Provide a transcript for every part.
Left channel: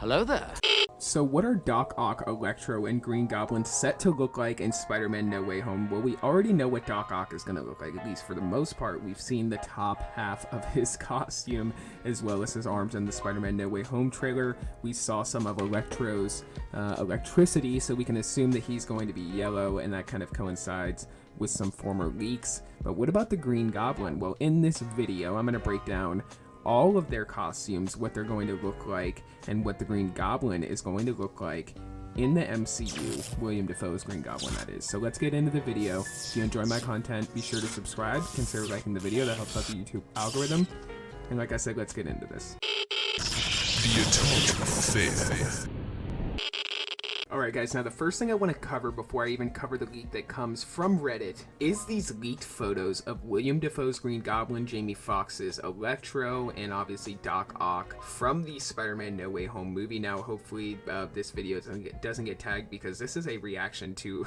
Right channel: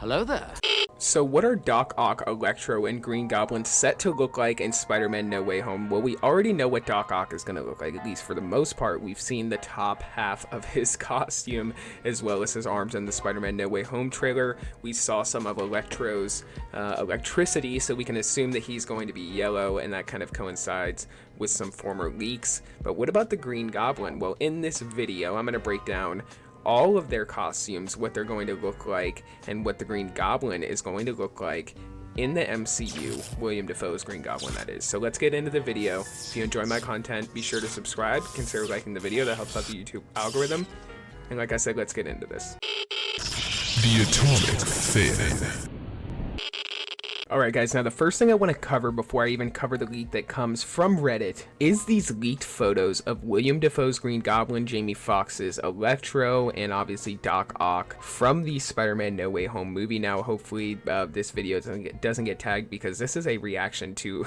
Hello there. So what are Doc Ock, Electro, and Green Goblin set to look like in Spider-Man No Way Home? Well, we already know what Doc Ock is going to look like, at least for the most part. We've seen the top half of his costume, as well as his arms in the Spider-Man No Way Home trailer. We saw some of Electro's electricity, so we can assume that he's going to be yellow, and that kind of coincides with some former leaks. But what about the Green Goblin? Well, in this video, I'm going to break down all of their costumes, what they're going to look like, and what the Green Goblin is going to look like in the MCU, William Dafoe's Green Goblin, that is. So let's get into the video. If you enjoy my content, be sure to subscribe, consider liking the video, that helps out the YouTube algorithm. And like I said, let's get into this. The Atomic Theory. Alright guys, now the first thing I want to cover before I even cover the leak that comes from Reddit is these leaked photos of William Dafoe's Green Goblin, Jamie Foxx's Electro, and obviously Doc Ock from the Spider-Man No Way Home movie. Now hopefully this video doesn't get tagged, because this is a reaction to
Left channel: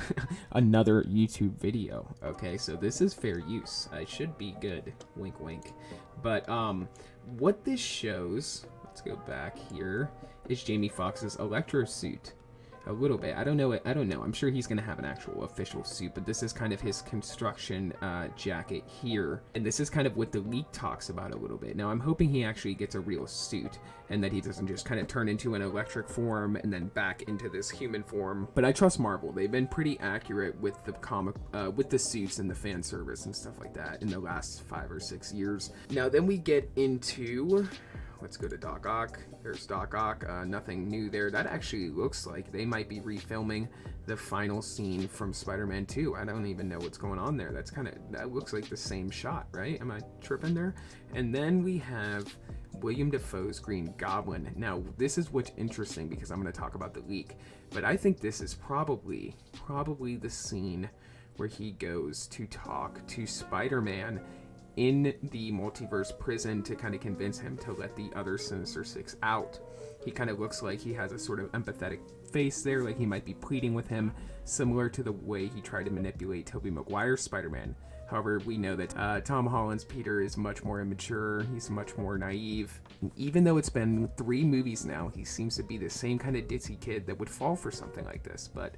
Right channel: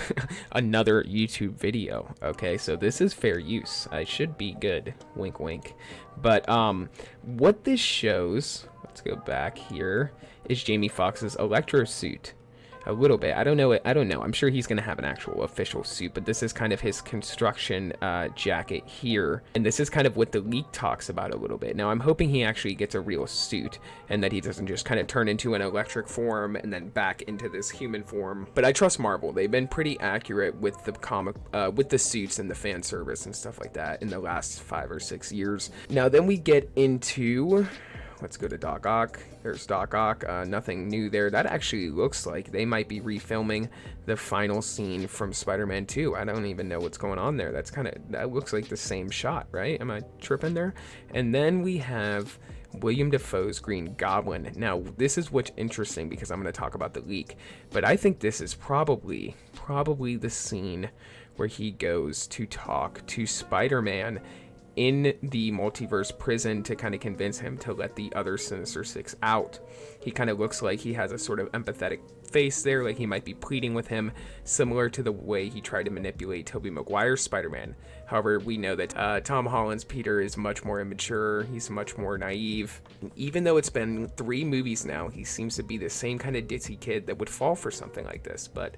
another YouTube video. Okay, so this is fair use. I should be good. Wink wink. But what this shows, let's go back here, is Jamie Foxx's Electro suit. A little bit. I don't know. I'm sure he's going to have an actual official suit, but this is kind of his construction jacket here. And this is kind of what the leak talks about a little bit. Now, I'm hoping he actually gets a real suit and that he doesn't just kind of turn into an electric form and then back into this human form. But I trust Marvel. They've been pretty accurate with the comic, with the suits and the fan service and stuff like that in the last 5 or 6 years. Now, then we get into... Let's go to Doc Ock. There's Doc Ock. Nothing new there. That actually looks like they might be refilming the final scene from Spider-Man 2. I don't even know what's going on there. That looks like the same shot, right? Am I tripping there? And then we have William Dafoe's Green Goblin. Now, this is what's interesting, because I'm going to talk about the leak, but I think this is probably the scene where he goes to talk to Spider-Man in the multiverse prison to kind of convince him to let the other Sinister Six out. He kind of looks like he has a sort of empathetic face there, like he might be pleading with him, similar to the way he tried to manipulate Tobey Maguire's Spider-Man. However, we know that Tom Holland's Peter is much more immature, he's much more naive. And even though it's been 3 movies now, he seems to be the same kind of ditzy kid that would fall for something like this, but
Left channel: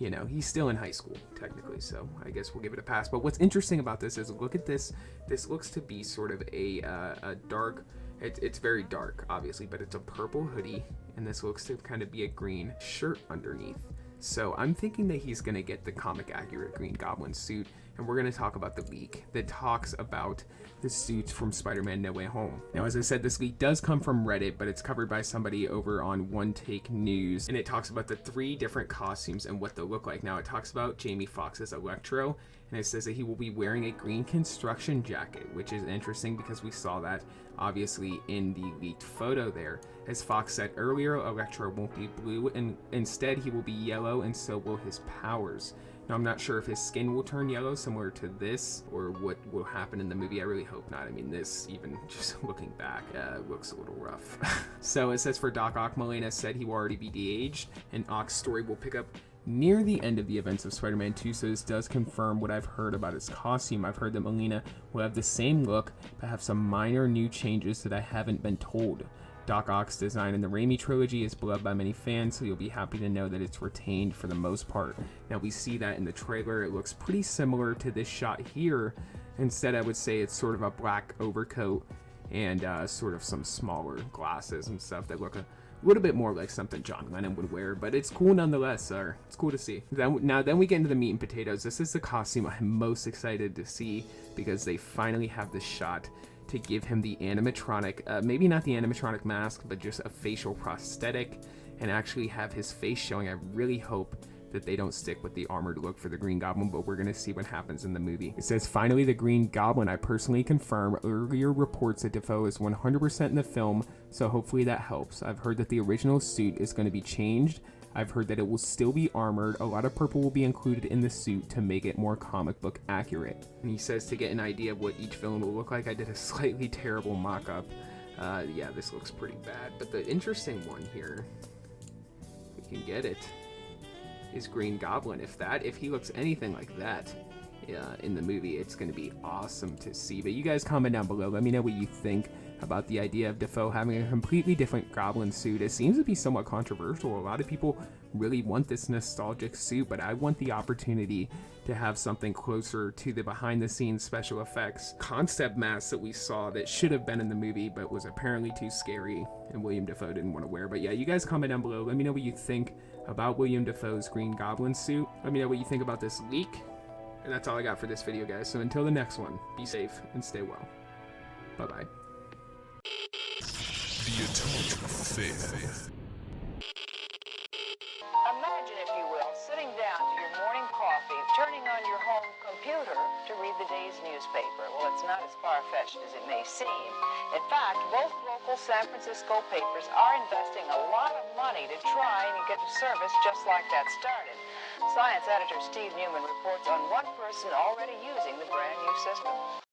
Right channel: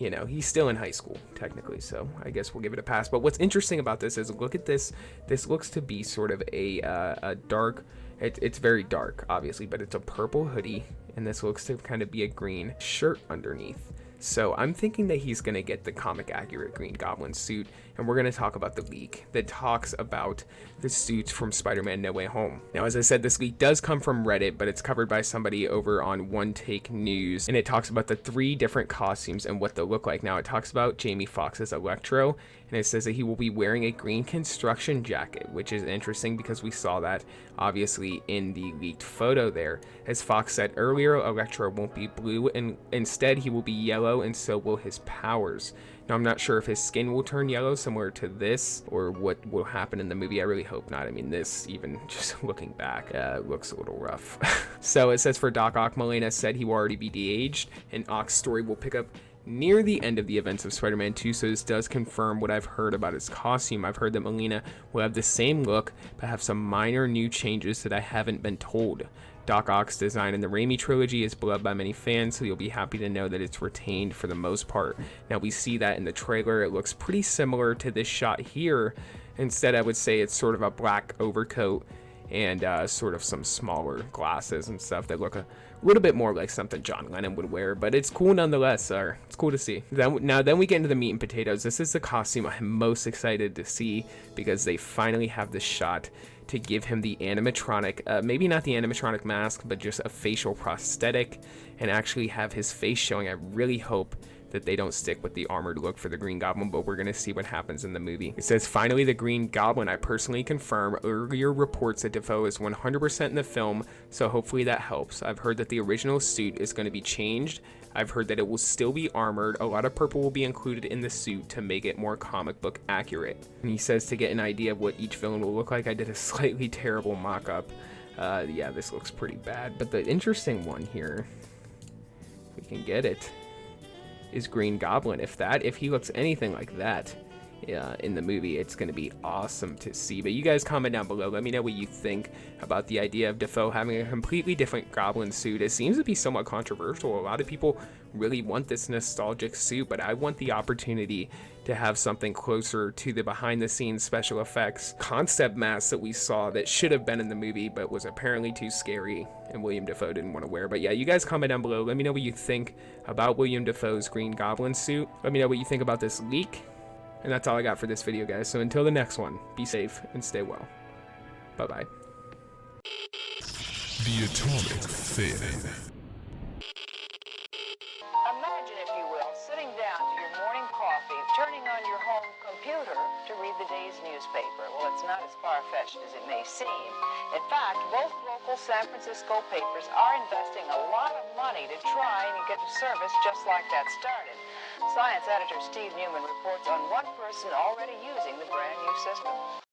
you know, he's still in high school, technically, so I guess we'll give it a pass. But what's interesting about this is, look at this. This looks to be sort of a dark, it's very dark, obviously, but it's a purple hoodie, and this looks to kind of be a green shirt underneath. So I'm thinking that he's going to get the comic accurate Green Goblin suit, and we're going to talk about the leak that talks about the suits from Spider-Man No Way Home. Now, as I said, this leak does come from Reddit, but it's covered by somebody over on One Take News, and it talks about the 3 different costumes and what they'll look like. Now, it talks about Jamie Foxx's Electro, and it says that he will be wearing a green construction jacket, which is interesting because we saw that obviously in the leaked photo there. As Fox said earlier, Electro won't be blue, and instead he will be yellow, and so will his powers. Now, I'm not sure if his skin will turn yellow similar to this, or what will happen in the movie. I really hope not. I mean, this, even just looking back, looks a little rough. So it says for Doc Ock, Molina said he will already be de-aged, and Ock's story will pick up near the end of the events of Spider-Man 2, so this does confirm what I've heard about his costume. I've heard that Molina will have the same look, but have some minor new changes that I haven't been told. Doc Ock's design in the Raimi trilogy is beloved by many fans, so you'll be happy to know that it's retained for the most part. Now, we see that in the trailer. It looks pretty similar to this shot here. Instead, I would say it's sort of a black overcoat and sort of some smaller glasses and stuff that look a little bit more like something John Lennon would wear, but it's cool nonetheless. It's cool to see. Then we get into the meat and potatoes. This is the costume I'm most excited to see, because they finally have the shot to give him the animatronic, maybe not the animatronic mask, but just a facial prosthetic, and actually have his face showing. I really hope that they don't stick with the armored look for the Green Goblin, but we're going to see what happens in the movie. It says, finally, the Green Goblin. I personally confirm earlier reports that Dafoe is 100% in the film, so hopefully that helps. I've heard that the original suit is going to be changed. I've heard that it will still be armored. A lot of purple will be included in the suit to make it more comic book accurate. And he says to get an idea of what each villain will look like, I did a slightly terrible mock-up. Yeah, this looks pretty bad. But the interesting one here, if we can get it, is Green Goblin. If he looks anything like that in the movie. It's going to be awesome to see. But you guys comment down below. Let me know what you think about the idea of Dafoe having a completely different Goblin suit. It seems to be somewhat controversial. A lot of people really want this nostalgic suit, but I want the opportunity to have something closer to the behind the scenes special effects concept mask that we saw that should have been in the movie but was apparently too scary and William Dafoe didn't want to wear. But yeah, you guys comment down below. Let me know what you think about William Dafoe's Green Goblin suit. Let me know what you think about this leak. And that's all I got for this video, guys. So until the next one, be safe and stay well. Bye-bye. The Atomic Theory. Imagine, if you will, sitting down to your morning coffee, turning on your home computer to read the day's newspaper. Well, it's not as far-fetched as it may seem. In fact, both local San Francisco papers are investing a lot of money to try and get a service just like that started. Science editor Steve Newman reports on one person already using the brand new system.